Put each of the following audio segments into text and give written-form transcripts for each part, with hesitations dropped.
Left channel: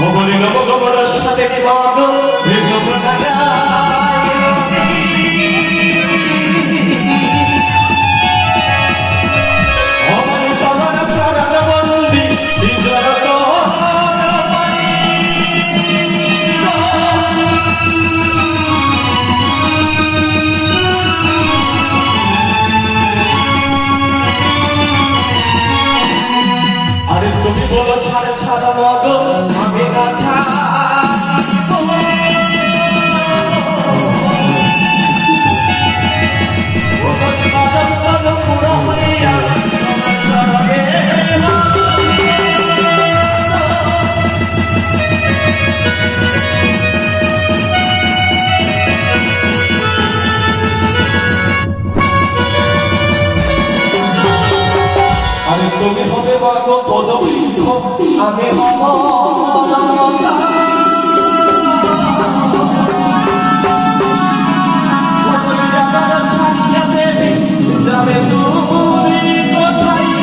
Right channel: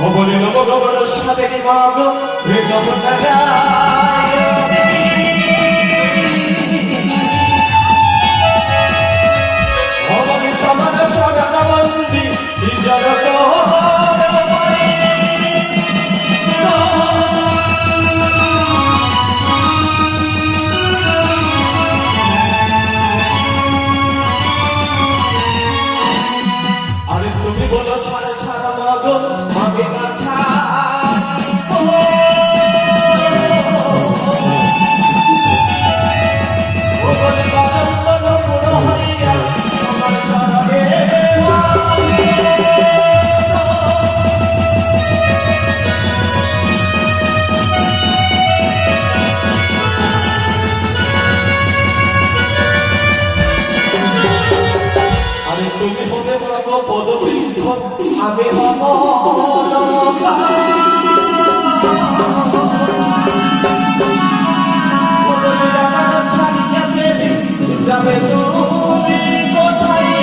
অবলীল ভগবত সাথে বিভাগ অবলী সমান সগন বন্দি বিজরত আরে তুমি বলো ছাড় ছাড় মগ আমি না ছাড় তুমি হবে বর্গ পদবৃক্ষ আমি হব ছাড়িয়া দেবী যাবে তুমি কোথায়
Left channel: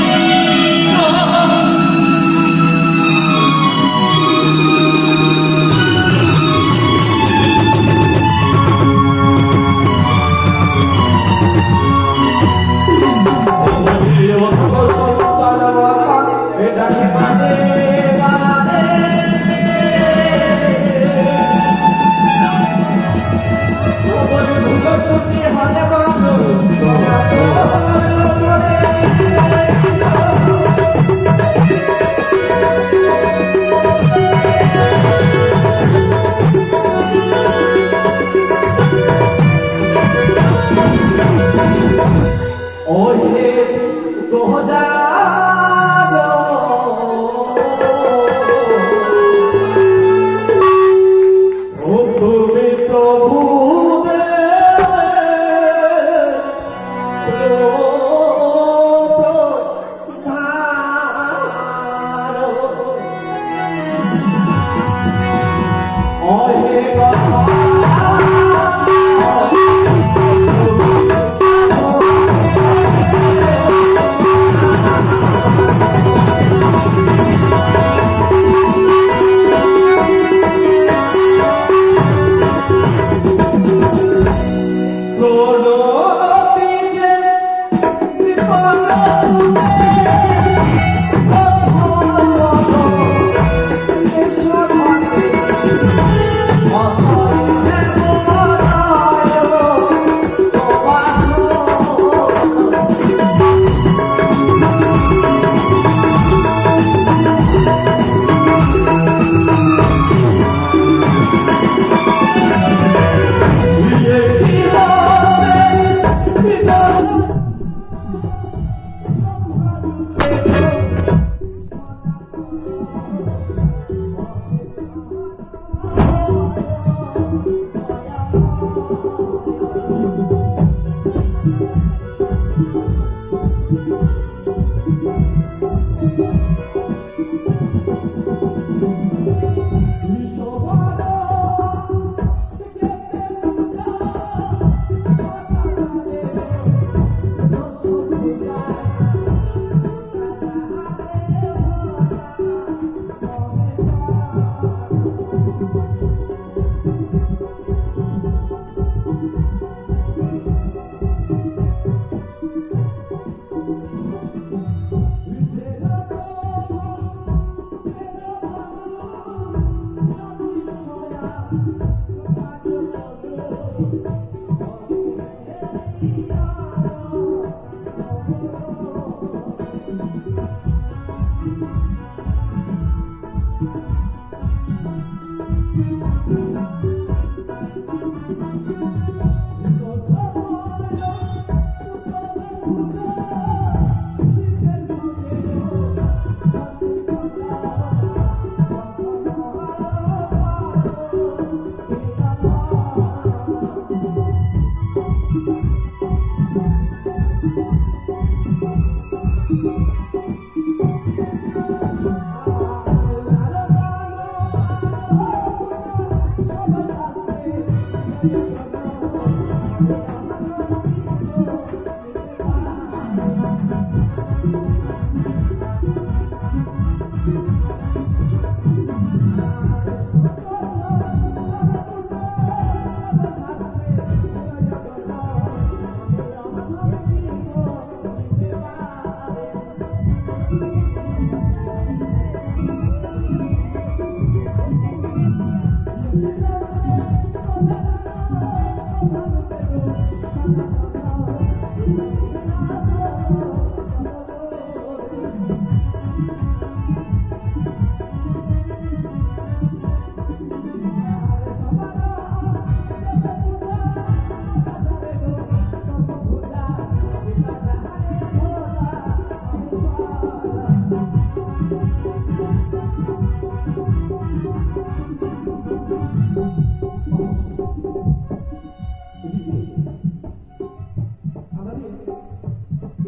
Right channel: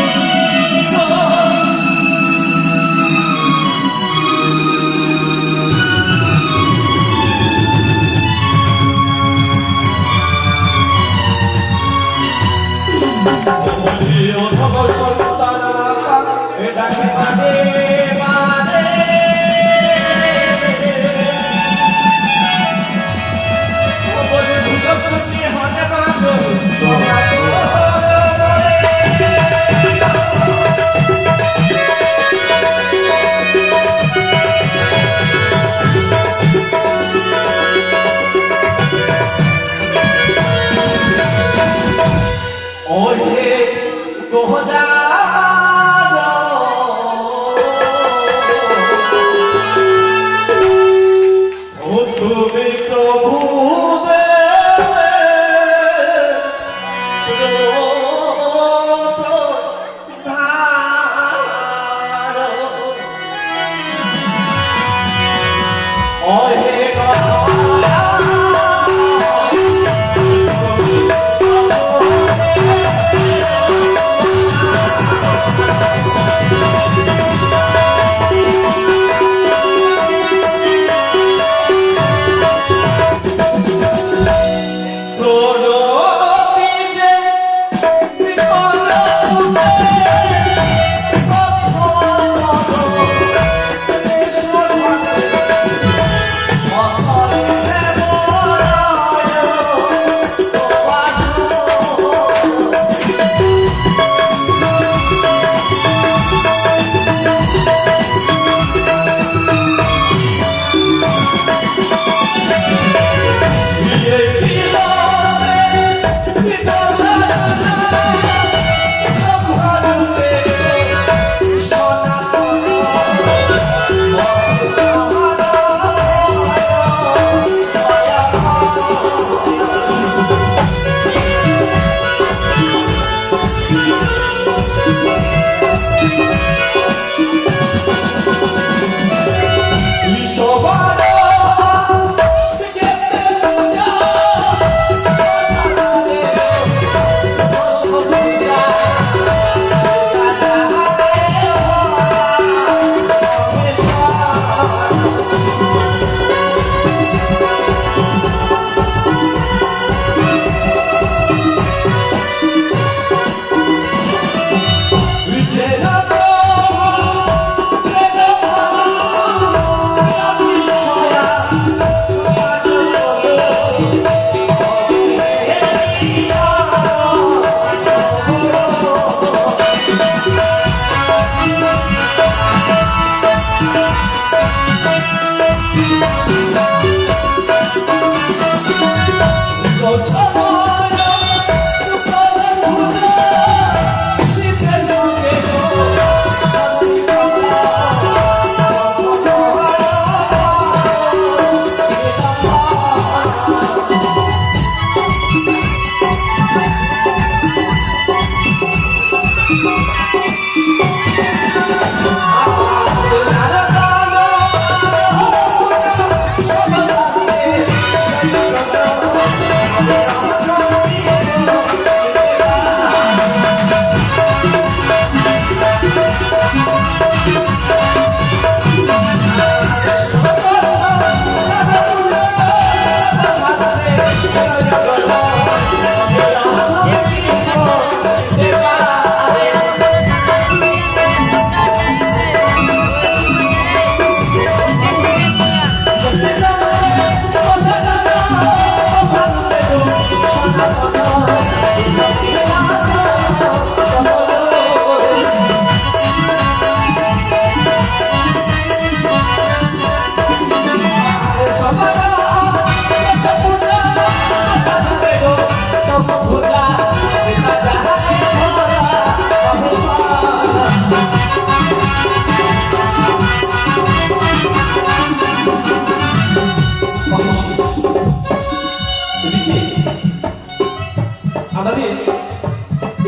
আমাদের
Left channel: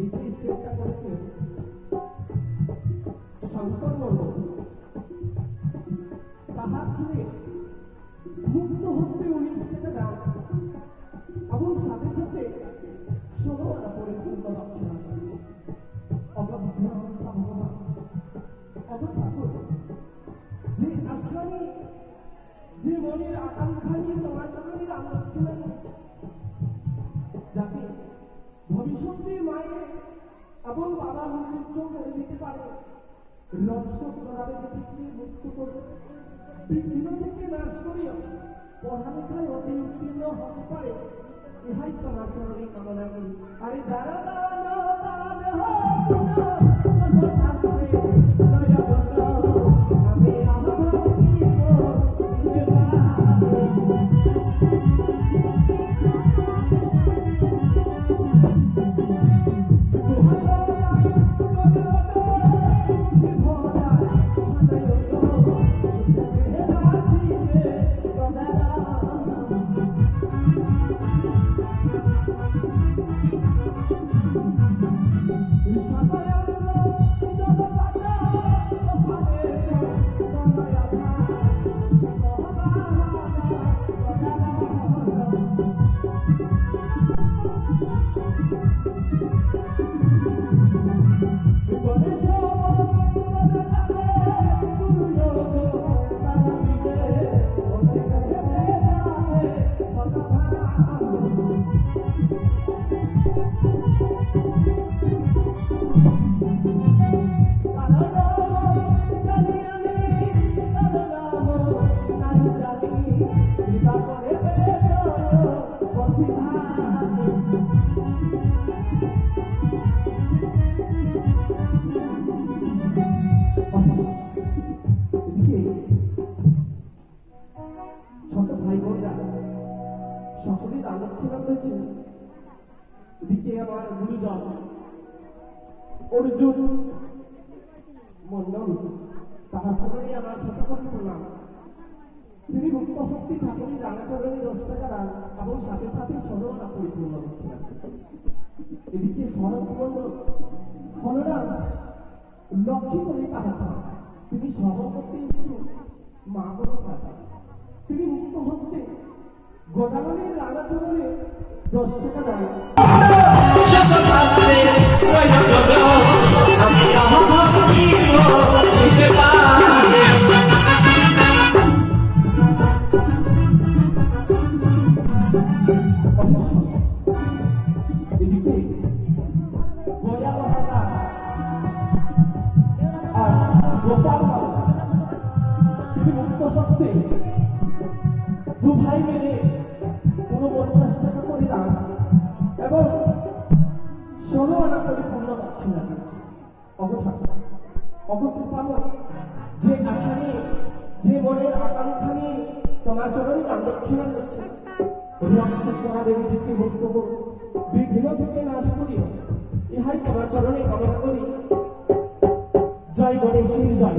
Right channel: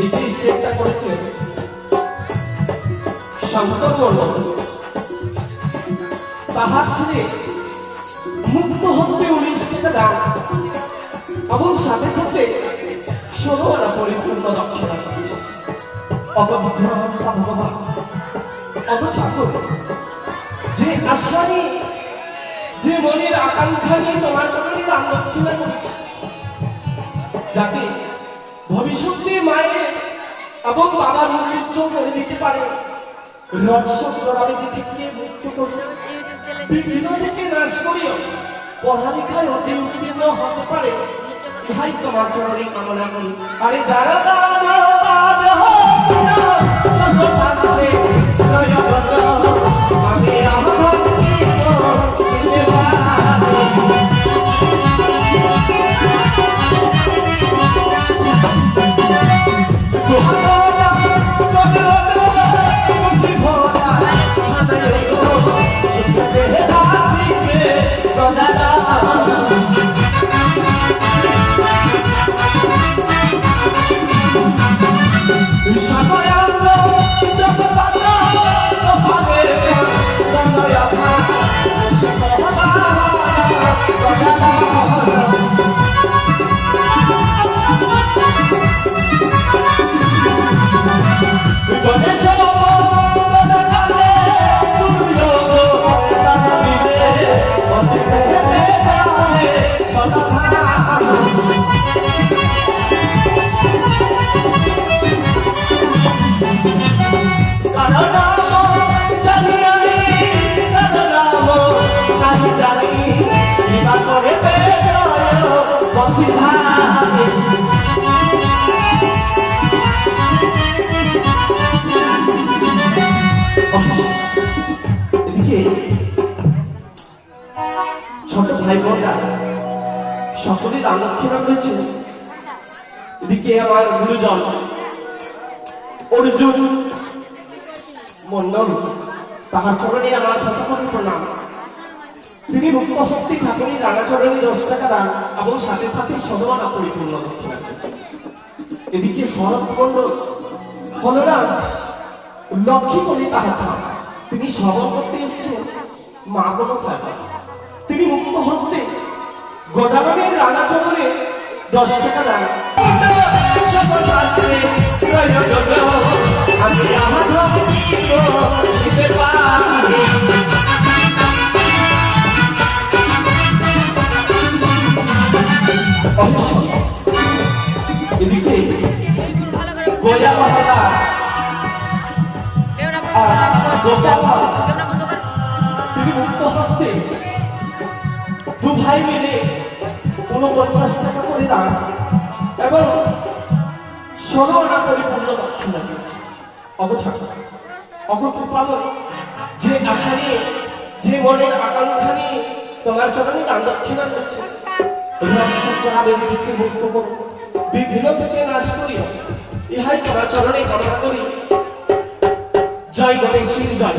এই যে স্টেজটা করেছে শঙ্করবর্ণ তাহার ছেলে মুক্ত হতে 19 টাকা দান এবং সাথে সাথে 16 আনা পরিপূর্ণ দক্ষিণা দিয়েছে। অপবিগ্রহ ভগবান অত ঠাকুর যে আশা নিয়ে যে মনের আকাঙ্ক্ষা নিয়ে তোমার চরণে দান দক্ষিণা করেছে, যাকে ভবিষ্যতে মায়ের এবং বাবার মুখ উজ্জ্বল করে দিতে পারে, রক্ষক জড়াবেদি থেকে মুক্ত করে বিঘ্ন থেকে নাশ করিও পড়ালেখায় অতি উত্তীর্ণ হতে পারে, ইহাই তোমার চরণে কামনা করি। আরে যারা দান আমি ছোট ভাই বোনরা সকলে দান দক্ষিণা করেছে। এদিকে আমার গুরুজন অর্জুন মন্ডল তাহার চরণে আমার শতকোটি প্রণাম। তিনি মুক্ত হস্তি ঠাকুরের রাঙা চরণে 10 টাকা দান এবং সাথে সাথে 16 আনা পরিপূর্ণ দক্ষিণা করেছে। এদিকে শরৎ মন্ডল বলরাম লক্ষ্মী বলে তাহার থাম, তিনি শ্রবণ করতে এসেছেন মা গণসায়। তিনি মুক্ত হস্তে গজাননের রাঙা চরণে 10 টাকা দান এদিকে গোয়া পাহাড়া তিনি মুক্ত হস্তে 2 ভাই মিলে 49 টাকা করে দান এবং 16 আনা পরিপূর্ণ দক্ষিণা দিয়েছে। অগকৃপালন যে আশা নিয়ে যে মনের আকাঙ্ক্ষা নিয়ে তোমার চরণে দান দক্ষিণা করেছে, থেকে মুক্ত করো, বিঘ্ন থেকে নাশ করিও, ইহাই তোমার চরণে কামনা করি। জয় গণেশের জয়।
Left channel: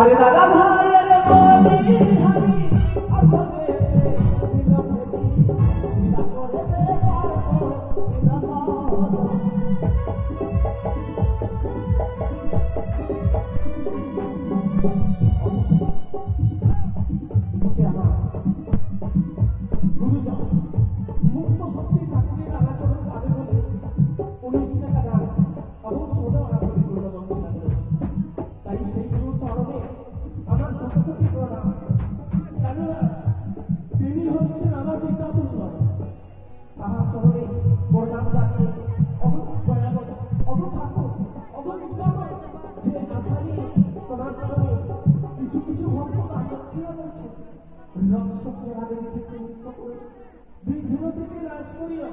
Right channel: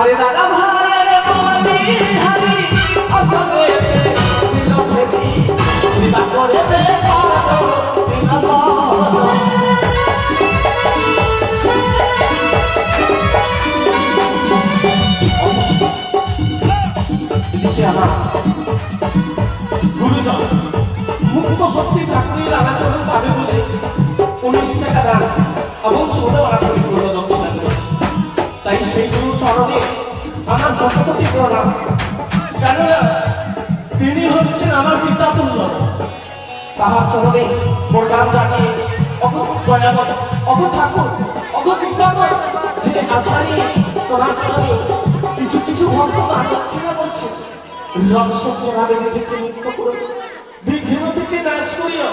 আরে দাদা ভাই আরে বলি হারি আসবে দিলভেদি দিলা করে দে পারো দিলা গুরুজন মুক্ত হস্তি ঠাকুরের রাঙা চরণ পাবে বলে 19 টাকা দান এবং 16 আনা পরিপূর্ণ দক্ষিণা করেছে। সেই গুরু চরণে আমার শতকোটি প্রণাম। কেননা তিনি হচ্ছেন আমার পিতা তুল্য। তাহার চরণে প্রণাম জানিয়ে অগ দয়াময়, অগ ঠাকুর, অগ কৃপাময়, যে আশা নিয়ে তোমার চরণে কিছু কিছু ভক্ত দান দক্ষিণা করছে, রক্ষক জনাবে থেকে মুক্ত করো, বিঘ্ন থেকে নাশ করিও।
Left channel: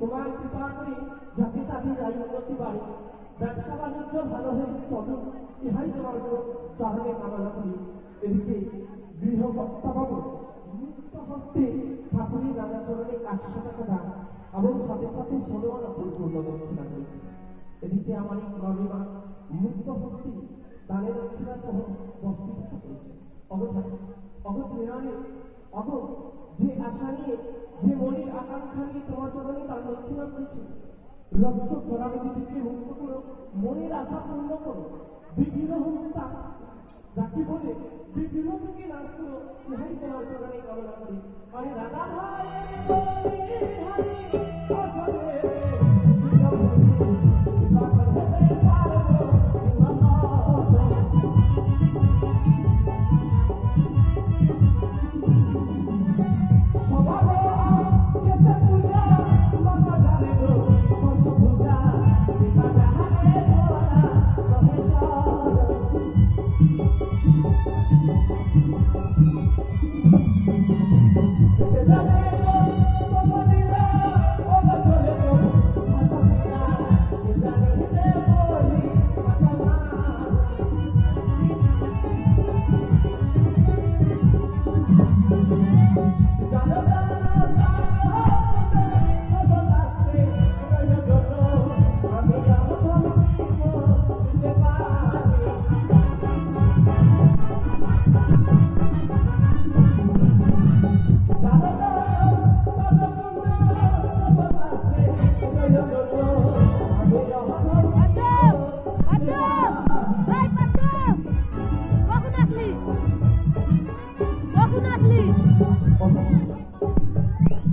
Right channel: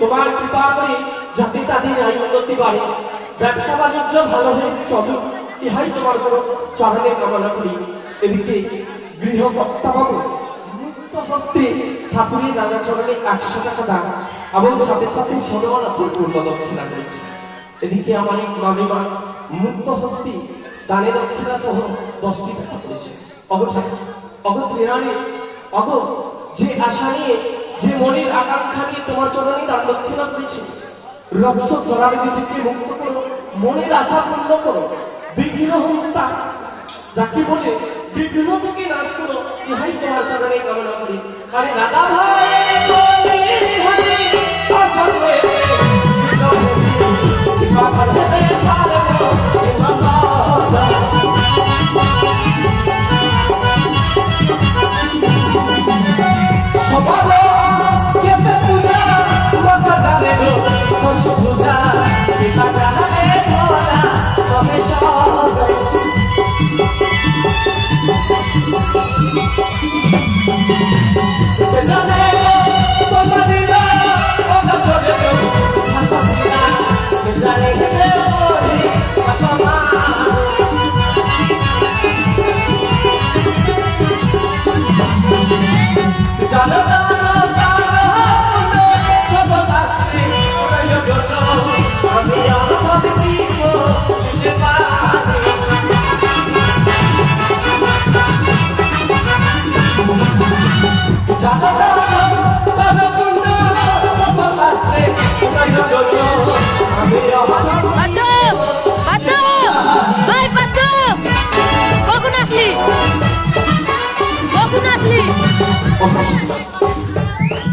তোমার কৃপা করে যাতে তাদের আয় উন্নতি বাড়ে, ব্যবসা বাণিজ্য ভালো হয়ে চলুক, ইহাই তোমার কোনো চরণে কামনা করি। এদিকে গৃহকর্তা বাবু মুক্ত হস্তে ঠাকুরের নানা চরণে 100 টাকা দান এবং সাথে সাথে সোনাওয়ালা পূর্ণ দক্ষিণা করেছে। এদিকে আমার এই মামিমা মুক্ত হস্তে দানে দক্ষিণা সহ 10টি টাকা করেছে। যে আশা নিয়ে, যে মনের আকাঙ্ক্ষা নিয়ে তোমার চরণে দান দক্ষিণা করেছে, রক্ষক জলাবিধি থেকে মুক্ত করো, মনের আশা পূর্ণ করো, বিঘ্ন হন্তা যাকে বলে বিঘ্ন থেকে নাশ করো, ইহাই তোমার চরণে কামনা করি। আরে দাদা ভাই আশা করে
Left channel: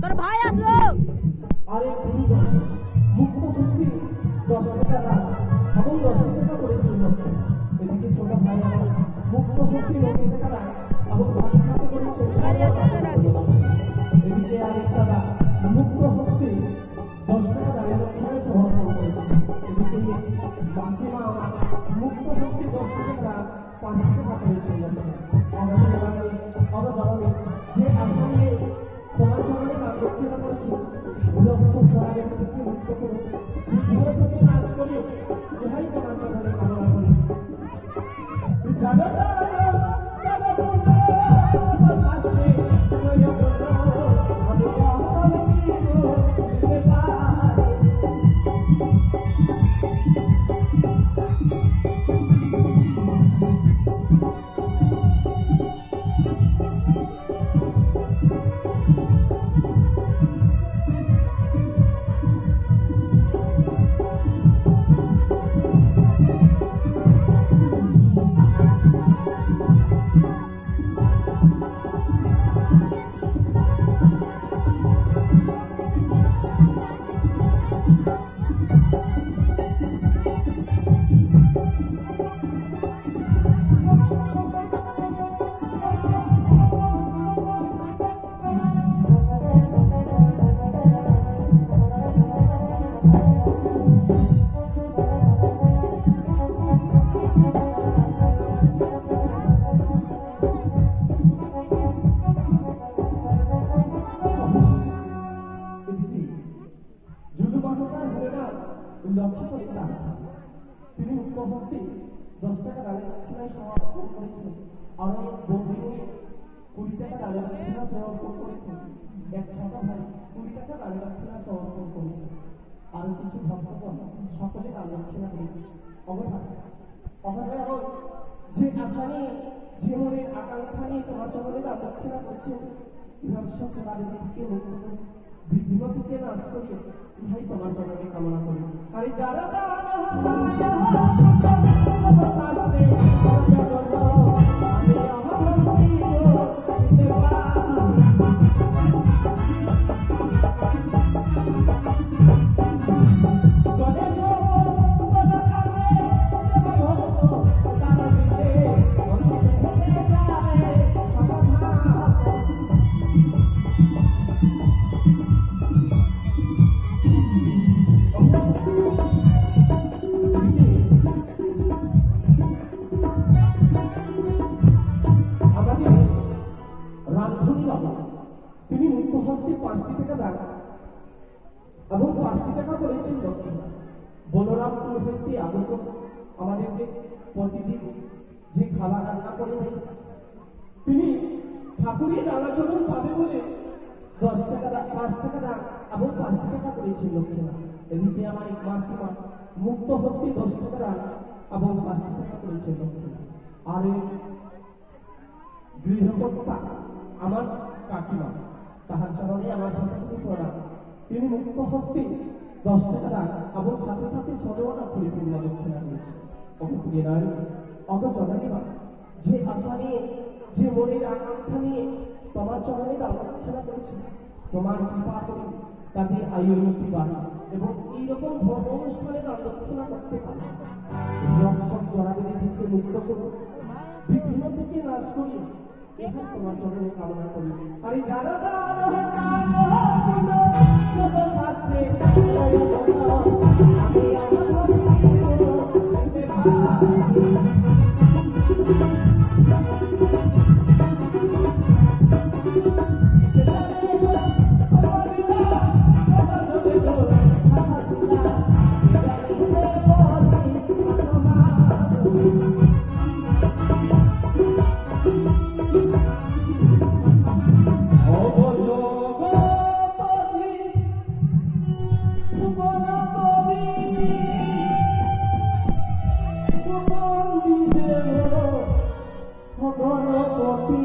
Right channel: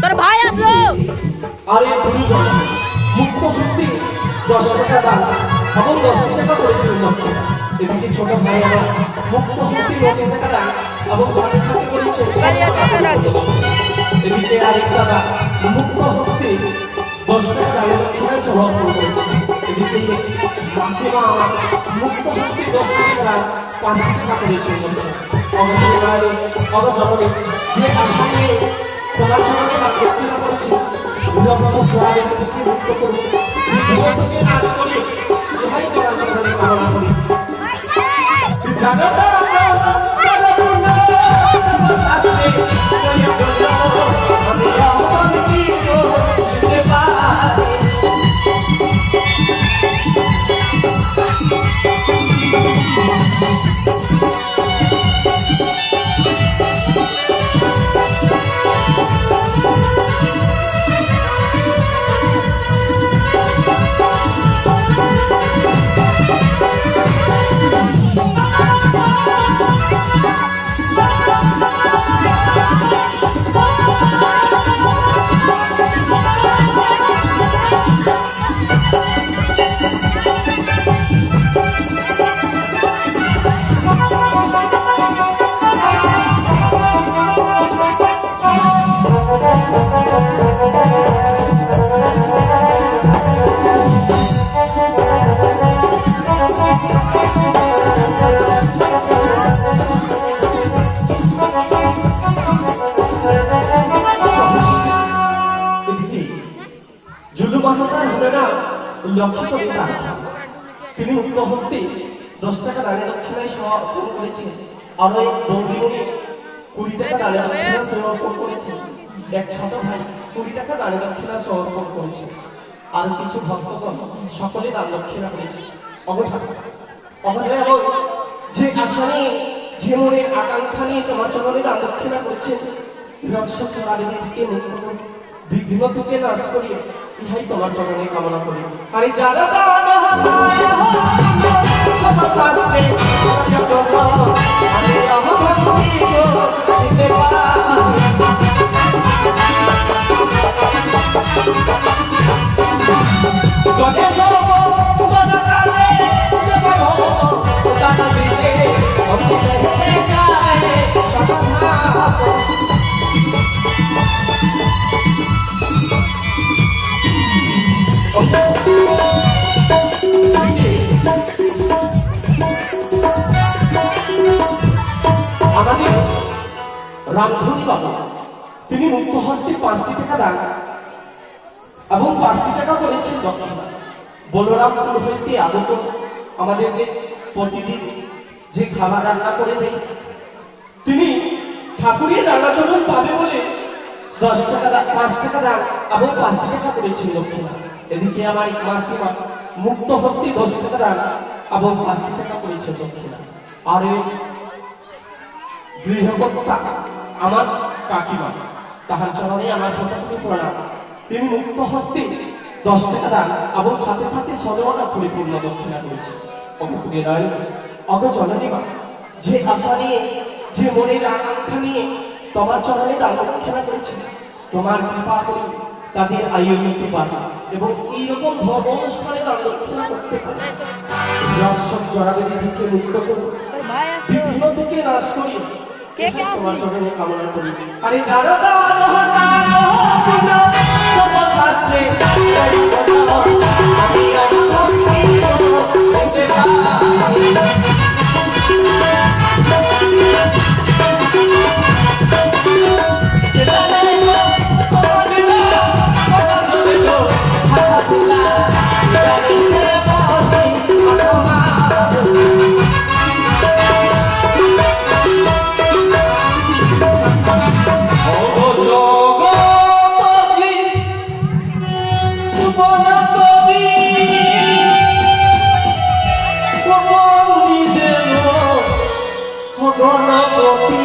তোর ভাই আসলো। আরে গুরুজন মুক্ত হতে 10 টাকা দান এবং 10 টাকা করেছে দক্ষিণা। এদিকে ছোট ভাই আমার মুক্ত হতে 9 টাকা দান এবং সাথে সাথে করেছে। এদিকে আরেক দাদা মুক্ত হতে 10 টাকা দান দক্ষিণা সহ করেছে। এদিকে মাসিমা আমার মুক্ত হতে 10 টাকা দান 5 টাকা করেছে। যে আশা নিয়ে তোমার চরণে দান দক্ষিণা করেছে, রক্ষক জলাবিধি থেকে মুক্ত করো, বিঘ্ন থেকে নাশ করি, ইহাই তোমার চরণে কামনা করি। জানো না তিনি মুক্ত হস্তে 10 টাকা দানে দক্ষিণায় সমর্পণ করেছেন। আর ওই বৌদিমণি 20 টাকা দানে দক্ষিণা সমর্পণ করেছেন। এক ছোট ভাই 20 টাকা দানে দক্ষিণা সমর্পণ করেছেন। আর কিছু ভক্তগণ সকলে দান দক্ষিণা করেছে। যে আশা নিয়ে, যে মনের আকাঙ্ক্ষা নিয়ে তোমার চরণে দান দক্ষিণা করেছেন, রক্ষক জলাবিধি থেকে মুক্ত করো, বিঘ্ন থেকে নাশ করি, ইহাই তোমার চরণে কামনা করি। আরে যারা গণেশ বাবু তিনি মুক্ত হস্তে 5টি টাকা দান এবং 5টি টাকা করেছেন দক্ষিণা। বলরামপুর হইতে আগত আমাদেরকে প্রতিদিন যে খাবার রান্না করে দেয়, তিনি ঠাকুরের রান্নাচরণ পাবে বলে 10 টাকা 5 টাকা দান এবং 5টি টাকা করেছেন দক্ষিণা। এদিকে আমার এক মাসিমা মুক্ত হস্তে 10 টাকা দান এবং 5টি টাকা করেছেন দক্ষিণা। আর এই গৃহকর্তা আমার কাকিমা, তাহার চরণে আমার শতকোটি প্রণাম। তিনি মুক্ত হস্তে 10 টাকা দান এবং সাথে সাথে সদমনা পরিপূর্ণ দক্ষিণা করেছে। অকুপুরে নয় অগজননীমা, যে আশা নিয়ে, যে মনের আকাঙ্ক্ষা নিয়ে তোমার চরণে দান দক্ষিণা করেছে, তোমার কৃপা করে তাদের আয়ু নিতে পারে এবং এইরকম ধর্ম অনুষ্ঠানে দান দক্ষিণা করতে পারে। রক্ষক জড়াবেদি থেকে মুক্ত করে, বিঘ্ন থেকে নাশ করি, তোমার চরণে কামনা করি। আরে যারা দান শাস্ত্রে গণপতি